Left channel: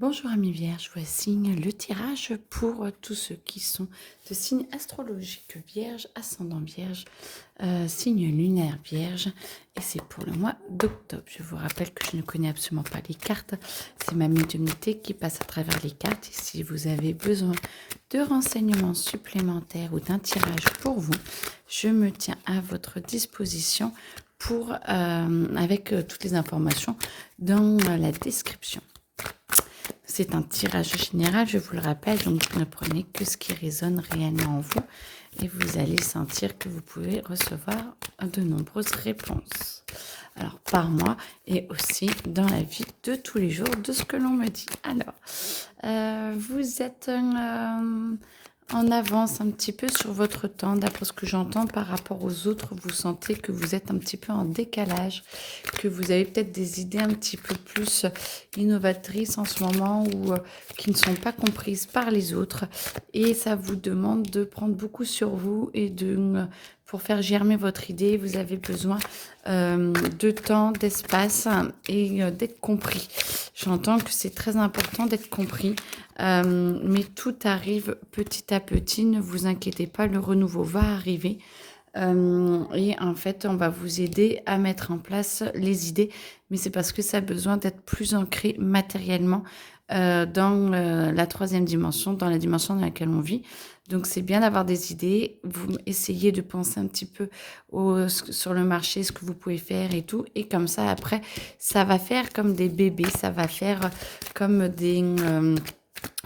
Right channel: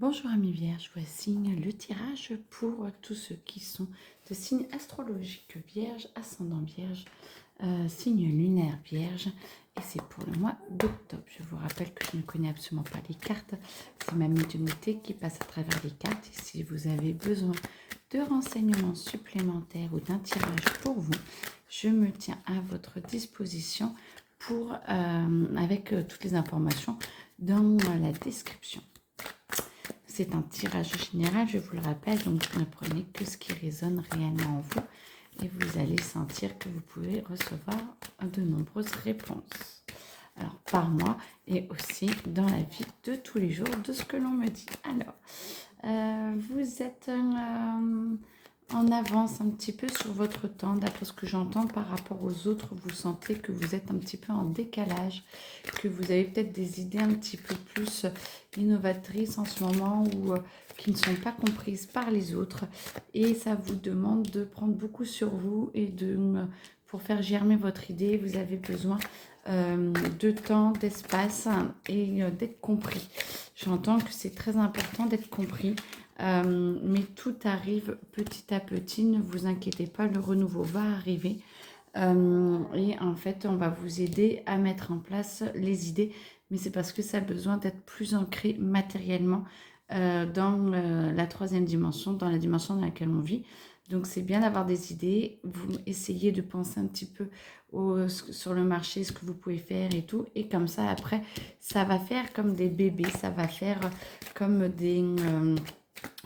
Bonjour amis vierges, voici le tirage pour tous ceux qui sont de signe astrologique vierge, ascendant vierge, signe lunaire vierge et c'est pour le mois d'octobre. Je vous rappelle que je ne connais absolument pas les cartes, c'est ma médiumnité qui passe à travers les cartes et si vous avez besoin de renseignements supplémentaires ou d'un tirage pour vous, je me tiens à votre disposition pour, avec toutes les informations dans la description. C'est un tirage général, je vous le rappelle, donc ne prenez que ce qui résonne réellement en vous et vous allez sentir que vous pouvez recevoir de nombreuses réponses. Alors, par mois et aussi dans la vie de tous les jours de ce que l'on me dit. Alors, vous êtes en avance un petit peu sur votre temps, d'après ce que j'entends par rapport aux autres, vous sentez que vous êtes un petit peu en décalage, que vous avez peut-être des idées un petit peu plus innovatrices en ce moment ou qui ne sont pas comprises par les autres et ça vous demande de prendre beaucoup sur vous et pour faire germer votre idée, vous avez besoin de temps, d'espace et d'être compris. J'entends que c'est très important d'être compris. Mais tout arrive petit à petit, ne vous inquiétez pas, le renouveau va arriver. Et en fait, on va vous aider à mettre en place les idées, mais c'est parce que ça a besoin d'être plus ancré matériellement dans la troisième dimension, dans la dimension dans laquelle on vit. Donc c'est bien d'avoir des idées, vous essayez de penser un petit peu sur le marché, ce que vous pouvez faire et tout, et comme ça après, ça va faire comme des bébés, ça va faire comme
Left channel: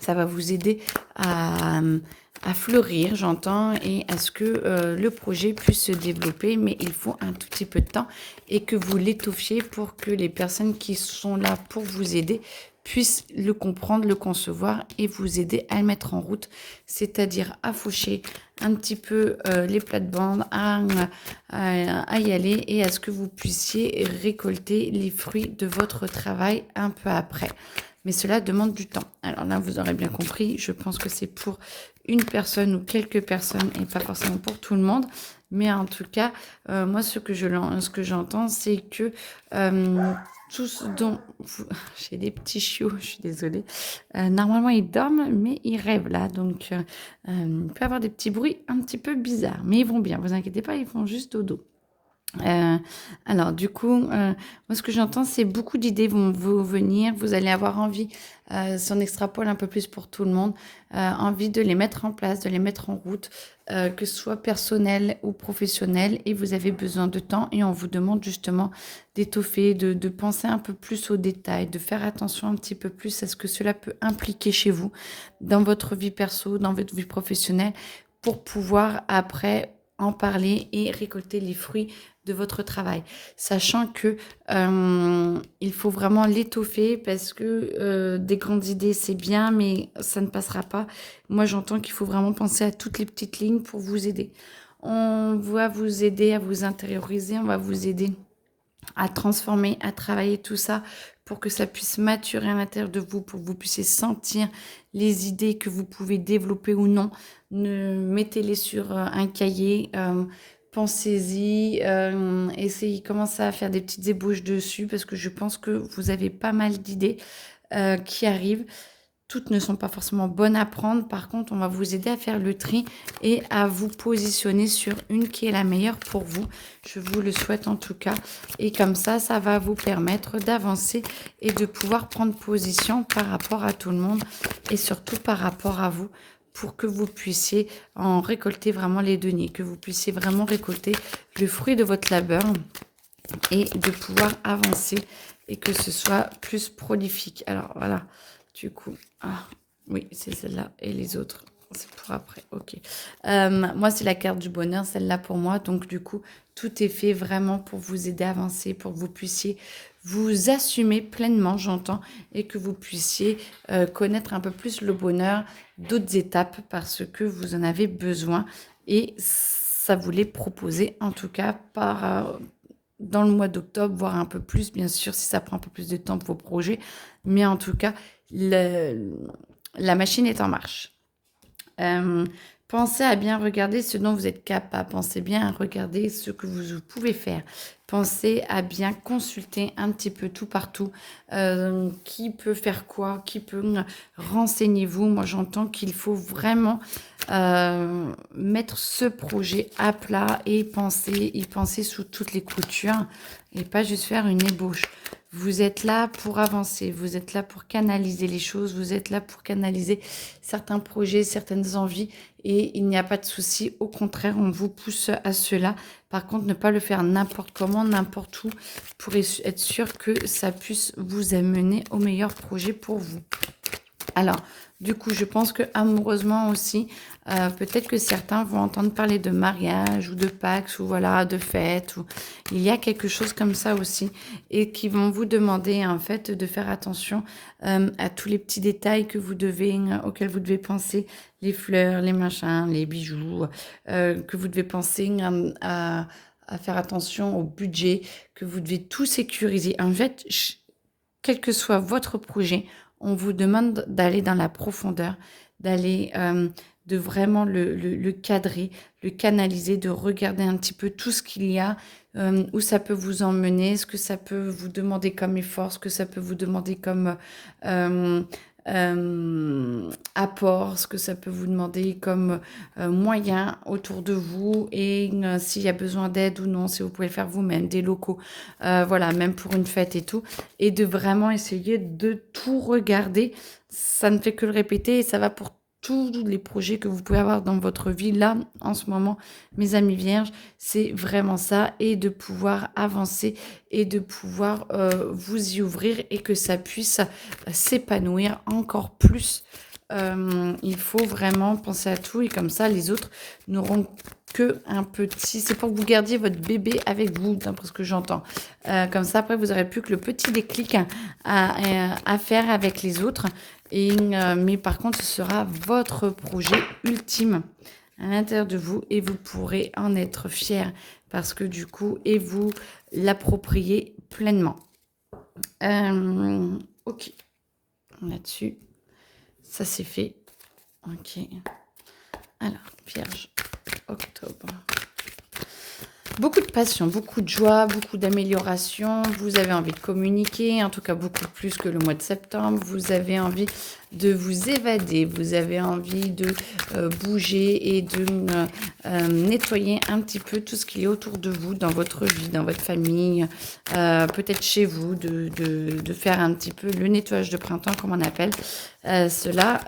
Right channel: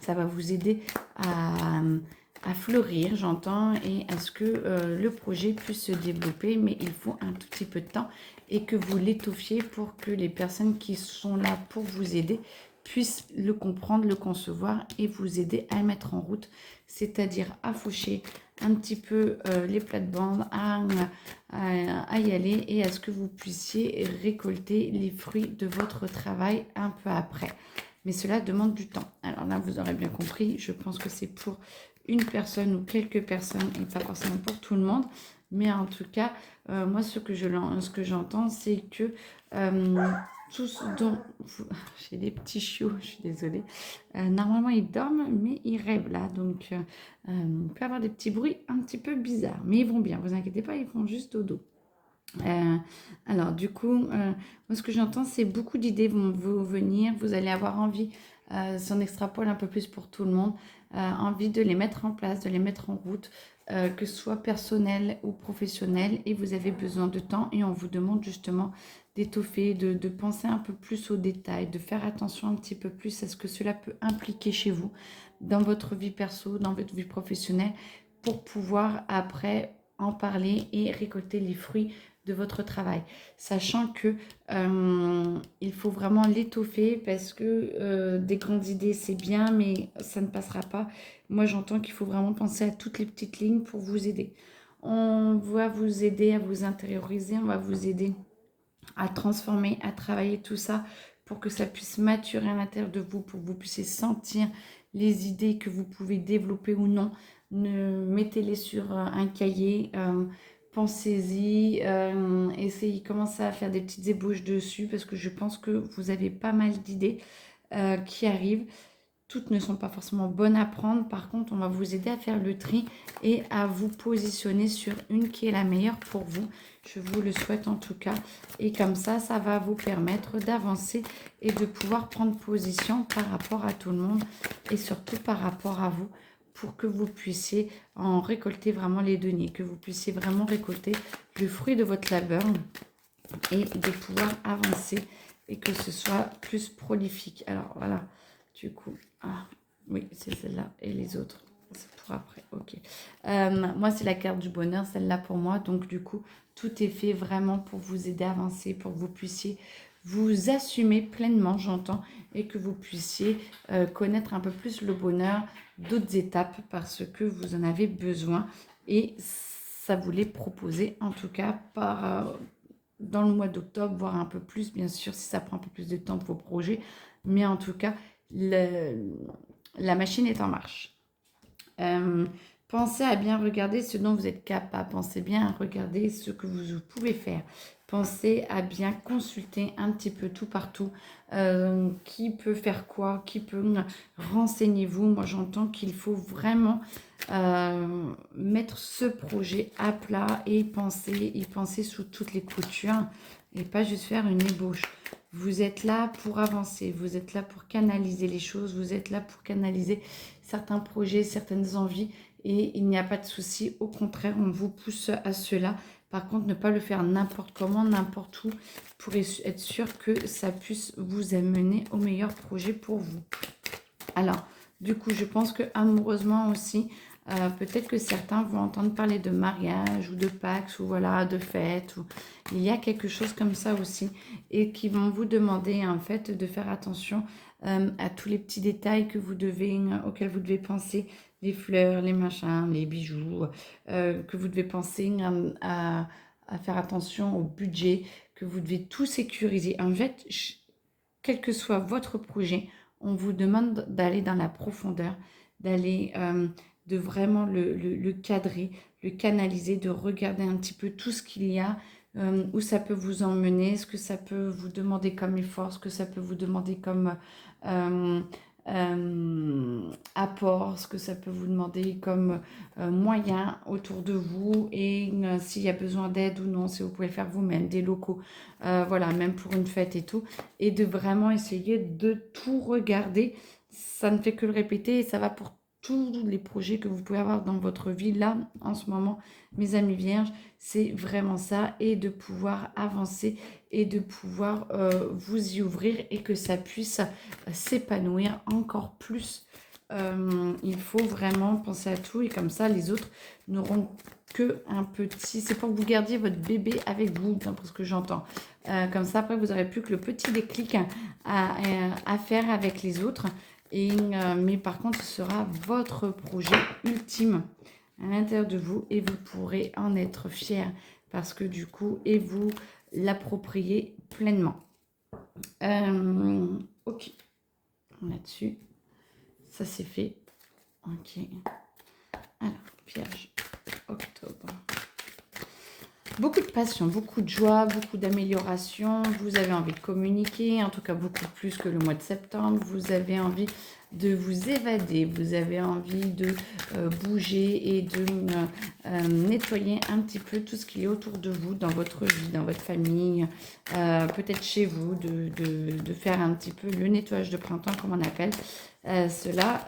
ça va vous aider à fleurir, j'entends, et à ce que le projet puisse se développer, mais il faut un tout petit peu de temps et que vous l'étoffiez pour que les personnes qui sont là pour vous aider puissent le comprendre, le concevoir et vous aider à le mettre en route, c'est-à-dire à faucher un petit peu les plates-bandes, à y aller et à ce que vous puissiez récolter les fruits de votre travail un peu après. Mais cela demande du temps. Alors là, vous aurez bien compris, je pense que c'est pour une personne ou quelques personnes et pas forcément pour tout le monde. Mais en tout cas, moi, ce que j'entends, c'est que tout ce dont j'ai des petits chiots, je suis désolée. Normalement, ils dorment, mais ils rêvent là. Donc, il peut y avoir des petits bruits un petit peu bizarres. Mais ils vont bien, vous inquiétez pas, ils font juste dodo. Euh, alors, du coup, moi, ce que j'entends, c'est beaucoup d'idées vont vous venir. Vous allez avoir envie, si on extrapole un peu plus pour tout le monde, envie de les mettre en place, de les mettre en route, que ce soit personnel ou professionnel. Et vous avez besoin de temps et on vous demande justement d'étoffer, de penser un peu plus aux détails, de faire attention un petit peu plus à ce que cela peut impliquer chez vous, dans votre vie perso, dans votre vie professionnelle, pour pouvoir après en parler et récolter les fruits de votre travail, sachant que il faut vraiment l'étoffer parce que des grandes idées c'est bien, mais ça ne passera pas. Moi, j'entends qu'il faut vraiment penser à toutes les petites lignes pour vous aider. On va vous aider à vous intérioriser, on va vous aider à transformer, à travailler tout ça pour que ça puisse maturer à l'intérieur de vous, pour que vous puissiez sentir les idées que vous pouvez développer ou non. Mettez-les sur un cahier, pensez-y, essayez, commencez à faire des petites ébauches dessus parce que je pense que vous avez pas mal d'idées qui arrivent. Toutes ne sont pas forcément bonnes à prendre. Par contre, on va vous aider à faire le tri et à vous positionner sur une qui est la meilleure pour vous. Je vous le souhaite en tout cas. Et comme ça va vous permettre d'avancer et de pouvoir prendre position par rapport à tout le monde et surtout par rapport à vous pour que vous puissiez en récolter vraiment les deniers, que vous puissiez vraiment récolter le fruit de votre labeur et de pouvoir avancer et que ce soit plus prolifique. Alors voilà, du coup, oui, c'est celle-là et les autres, c'est pour après. Ok. Moi, c'est la carte du bonheur, celle-là pour moi. Donc du coup, tout est fait vraiment pour vous aider à avancer, pour que vous puissiez vous assumer pleinement, j'entends, et que vous puissiez connaître un peu plus le bonheur d'autres étapes parce que vous en avez besoin et ça vous l'est proposé en tout cas dans le mois d'octobre, voire un peu plus, bien sûr, si ça prend un peu plus de temps pour vos projets. Mais en tout cas, la machine est en marche. Euh, Pensez à bien regarder ce dont vous êtes capable. Pensez bien à regarder ce que vous pouvez faire. pensez à bien consulter un petit peu tout partout. Qui peut faire quoi, qui peut... Renseignez-vous. Moi, j'entends qu'il faut vraiment mettre ce projet à plat et y penser sous toutes les coutures et pas juste faire une ébauche. Vous êtes là pour avancer, vous êtes là pour canaliser les choses, vous êtes là pour canaliser certains projets, certaines envies et il n'y a pas de souci. Au contraire, on vous pousse à cela. Par contre, ne pas le faire n'importe comment, n'importe où pour être sûr que ça puisse vous amener au meilleur projet pour vous. Alors, du coup, je pense que amoureusement aussi, peut-être que certains vont entendre parler de mariage ou de Pax ou voilà, de fête. Ou... Il y a quelque chose comme ça aussi et qui vont vous demander en fait de faire attention à tous les petits détails que vous devez, auxquels vous devez penser, les fleurs, les machins, les bijoux, que vous devez penser à faire attention au budget, que vous devez tout sécuriser. En fait, quel que soit votre projet, on vous demande d'aller dans la profondeur, d'aller, de vraiment le cadrer, le canaliser, de regarder un petit peu tout ce qu'il y a, où ça peut vous emmener, ce que ça peut vous demander comme effort, ce que ça peut vous demander comme apport, ce que ça peut vous demander comme moyen autour de vous et s'il y a besoin d'aide ou non, si vous pouvez le faire vous-même, des locaux, voilà, même pour une fête et tout, et de vraiment essayer de tout regarder. Ça ne fait que le répéter et ça va pour tous les projets que vous pouvez avoir dans votre vie là en ce moment, mes amis vierges, c'est vraiment ça, et de pouvoir avancer et de pouvoir vous y ouvrir et que ça puisse s'épanouir encore plus. Il faut vraiment penser à tout et comme ça les autres n'auront que un petit... C'est pour que vous gardiez votre bébé avec vous, d'après ce que j'entends. Comme ça, après, vous n'aurez plus que le petit déclic à faire avec les autres. Et, mais par contre, ce sera votre projet ultime à l'intérieur de vous et vous pourrez en être fier parce que du coup, et vous l'approprier pleinement. Ok, là-dessus, ça c'est fait. Ok, alors, Vierge, octobre. Beaucoup de passion, beaucoup de joie, beaucoup d'amélioration. Vous avez envie de communiquer, en tout cas beaucoup plus que le mois de septembre. Vous avez envie de vous évader, vous avez envie de bouger et de nettoyer un petit peu tout ce qui est autour de vous, dans votre vie, dans votre famille, peut-être chez vous, de faire un petit peu le nettoyage de printemps, comme on appelle cela.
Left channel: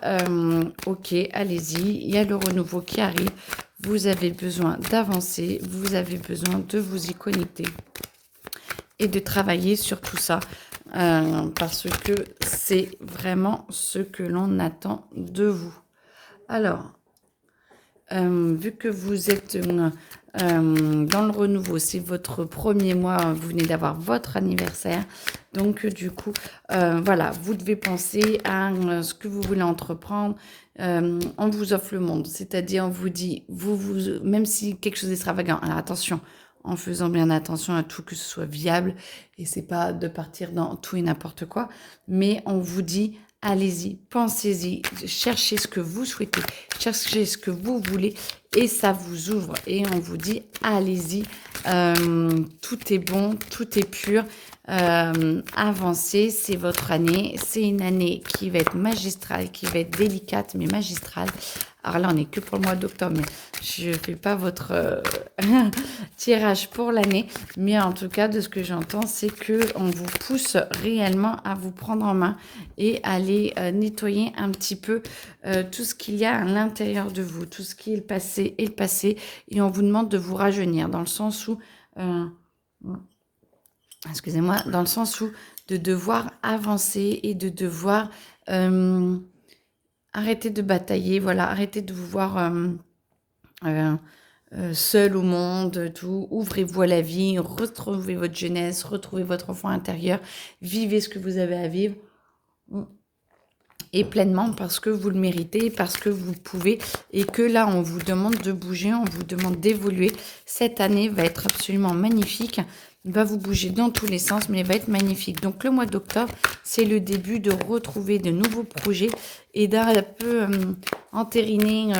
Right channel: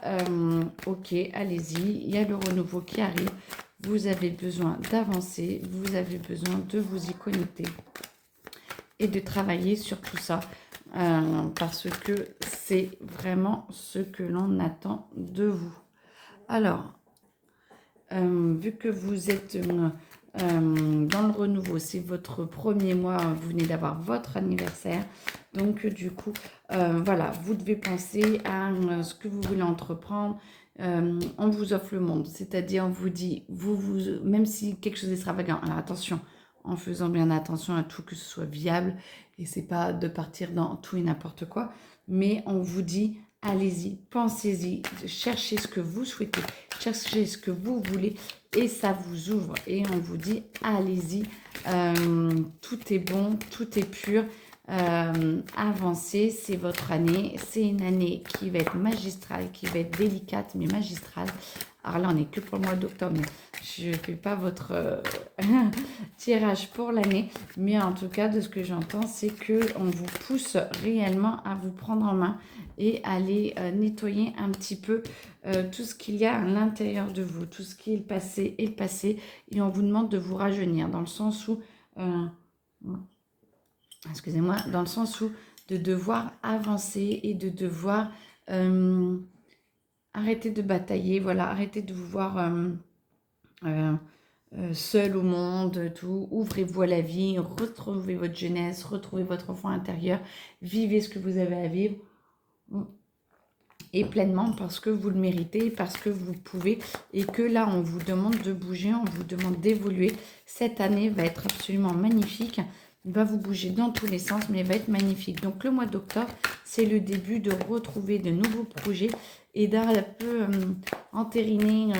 Ok, allez-y, il y a le renouveau qui arrive. Vous avez besoin d'avancer, vous avez besoin de vous y connecter et de travailler sur tout ça parce que c'est vraiment ce que l'on attend de vous. Alors, vu que vous êtes dans le renouveau, c'est votre premier mois, vous venez d'avoir votre anniversaire, donc du coup, voilà, vous devez penser à ce que vous voulez entreprendre. On vous offre le monde, c'est-à-dire on vous dit, même si quelque chose d'extravagant, alors attention, en faisant bien attention à tout, que ce soit viable, et c'est pas de partir dans tout et n'importe quoi, mais on vous dit, allez-y, pensez-y, cherchez ce que vous souhaitez, cherchez ce que vous voulez, et ça vous ouvre, et on vous dit, allez-y, tout est bon, tout est pur, avancez, c'est votre année, c'est une année qui va être magistrale, qui va être délicate mais magistrale. Alors là on n'est que pour le mois d'octobre, mais je ne fais pas votre tirage pour l'année, mais en tout cas de ce que j'entends c'est qu'on vous pousse réellement à vous prendre en main et à aller nettoyer un petit peu tout ce qu'il y a à l'intérieur de vous, tout ce qui est le passé et le passé, et on vous demande de vous rajeunir dans le sens où excusez-moi, dans le sens où de devoir avancer et de devoir arrêter de batailler, voilà, arrêter de vous voir seul au monde, tout. Ouvrez-vous à la vie, retrouvez votre jeunesse, retrouvez votre enfant intérieur, vivez ce que vous avez à vivre et pleinement parce que vous le méritez, parce que vous pouvez et que là on vous demande de bouger, on vous demande d'évoluer. Cette année va être absolument magnifique. Il va vous bouger dans tous les sens, mais il va être magnifique. Donc, le mois d'octobre, c'est le début de retrouver de nouveaux projets et d'un peu entériner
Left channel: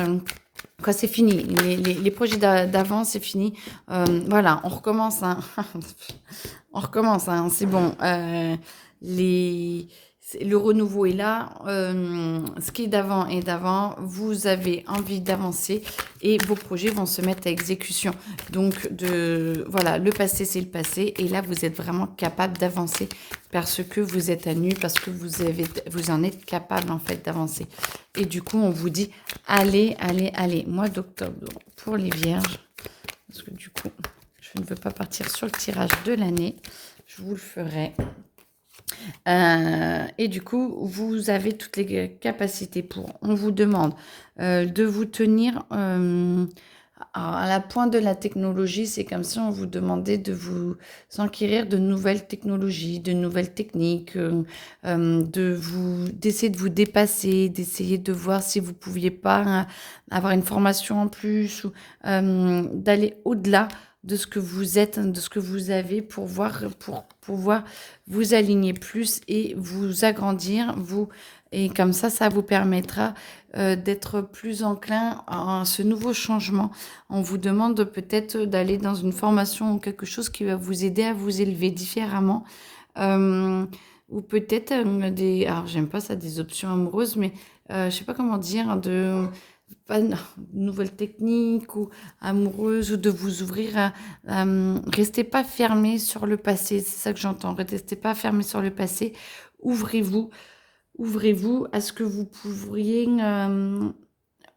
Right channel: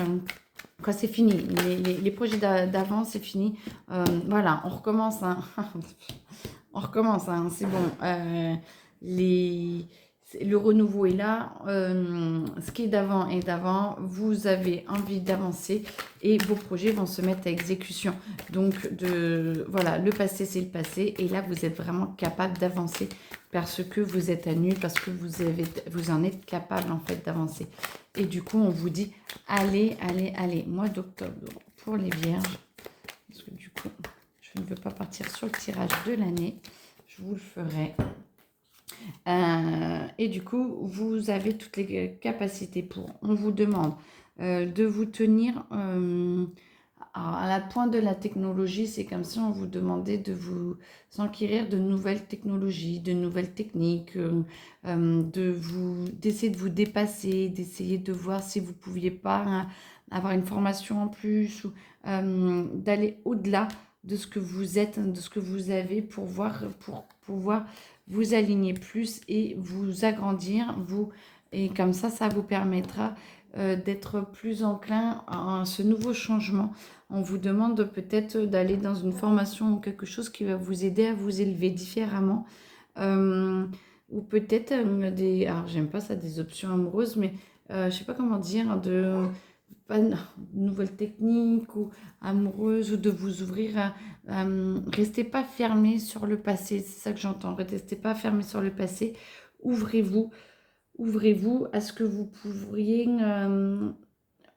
Quoi, c'est fini. Les projets d'avant, c'est fini. Voilà, on recommence, hein. On recommence, hein, c'est bon. Les, le renouveau est là. Ce qui est d'avant est d'avant. Vous avez envie d'avancer et vos projets vont se mettre à exécution. Donc, voilà, le passé, c'est le passé. Et là, vous êtes vraiment capable d'avancer parce que vous êtes à nu, parce que vous en êtes capable, en fait, d'avancer. Et du coup, on vous dit, allez, allez, allez. Mois d'octobre pour les vierges. Parce que du coup, je ne veux pas partir sur le tirage de l'année. Je vous le ferai. Et du coup, vous avez toutes les capacités pour. On vous demande de vous tenir à la pointe de la technologie. C'est comme si on vous demandait de vous enquérir de nouvelles technologies, de nouvelles techniques, d'essayer de vous dépasser, d'essayer de voir si vous ne pouviez pas avoir une formation en plus ou d'aller au-delà de ce que vous êtes, de ce que vous avez pour pouvoir vous aligner plus et vous agrandir, et comme ça vous permettra d'être plus enclin à ce nouveau changement. On vous demande peut-être d'aller dans une formation ou quelque chose qui va vous aider à vous élever différemment. Ou peut-être alors j'aime pas ça, des options amoureuses, mais je sais pas comment dire, pas de nouvelles techniques ou amoureuses, ou de vous ouvrir restez pas fermé sur le passé, c'est ça que j'entends. Restez pas fermé sur le passé. Ouvrez-vous, ouvrez-vous à ce que vous pourriez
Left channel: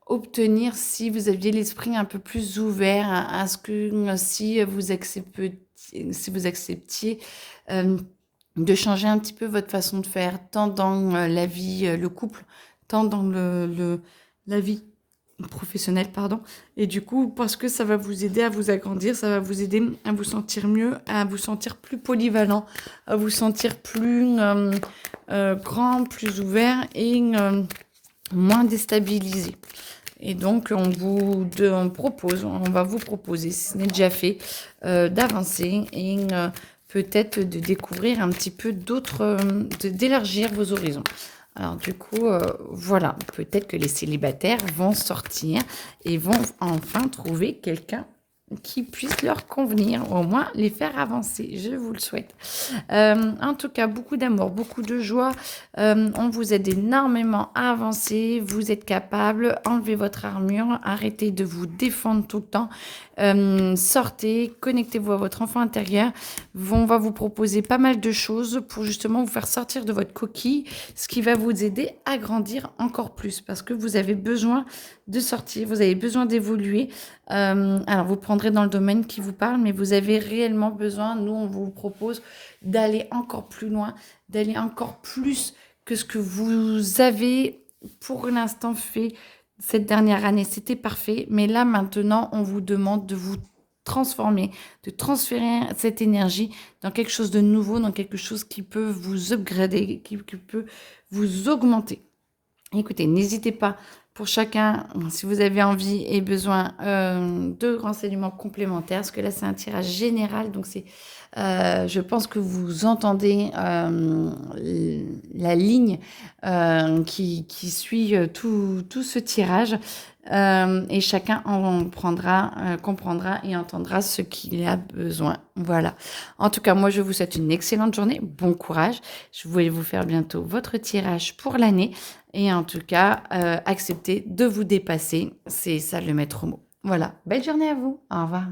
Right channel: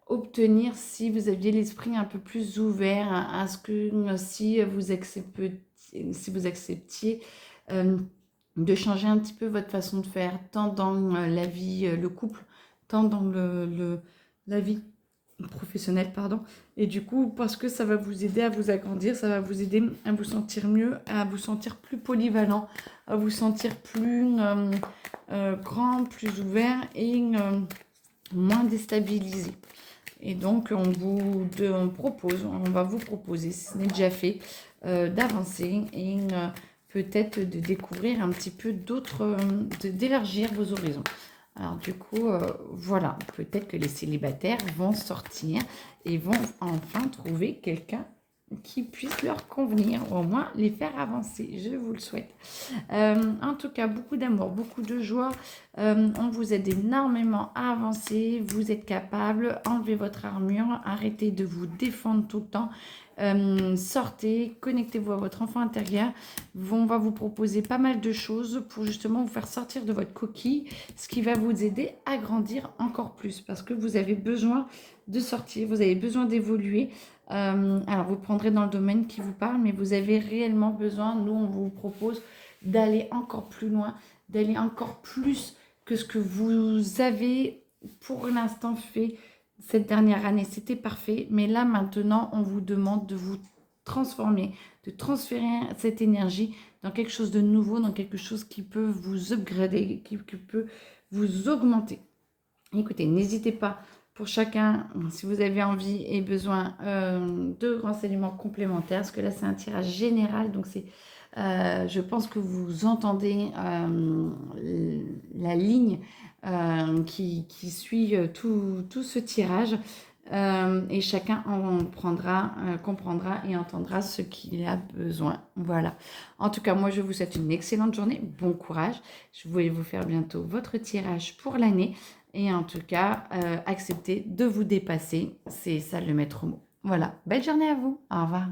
obtenir si vous aviez l'esprit un peu plus ouvert à ce que si vous acceptiez de changer un petit peu votre façon de faire, tant dans la vie, le couple, tant dans la vie professionnelle, pardon. Et du coup, parce que ça va vous aider à vous agrandir, ça va vous aider à vous sentir mieux, à vous sentir plus polyvalent, à vous sentir plus grand, plus ouvert et moins déstabilisé. Et donc, on va vous proposer, si ce n'est déjà fait, d'avancer et peut-être de découvrir un petit peu d'élargir vos horizons. Alors du coup, voilà, peut-être que les célibataires vont sortir et vont enfin trouver quelqu'un qui puisse leur convenir, au moins les faire avancer. Je vous le souhaite. En tout cas, beaucoup d'amour, beaucoup de joie. On vous aide énormément à avancer. Vous êtes capable. Enlevez votre armure. Arrêtez de vous défendre tout le temps. Sortez, connectez-vous à votre enfant intérieur. On va vous proposer pas mal de choses pour justement vous faire sortir de votre coquille, ce qui va vous aider à grandir encore plus parce que vous avez besoin de sortir, vous avez besoin d'évoluer. Alors, vous prendrez dans le domaine qui vous parle, mais vous avez réellement besoin, nous, on vous propose d'aller encore plus loin, d'aller encore plus que ce que vous avez pour l'instant fait cette dernière année. C'était parfait, mais là, maintenant, on vous demande de vous transformer, de transférer cette énergie dans quelque chose de nouveau, dans quelque chose qui peut vous upgrader, qui peut vous augmenter. Écoutez, n'hésitez pas pour chacun, si vous avez envie et besoin de renseignements complémentaires, parce que là, c'est un tirage général, donc je pense que vous entendez la ligne qui suit tout ce tirage. Et chacun comprendra et entendra ce qu'il a besoin. Voilà. En tout cas, moi, je vous souhaite une excellente journée. Bon courage. Je vais vous faire bientôt votre tirage pour l'année. Et en tout cas, acceptez de vous dépasser. C'est ça le maître mot. Voilà. Belle journée à vous. Au revoir.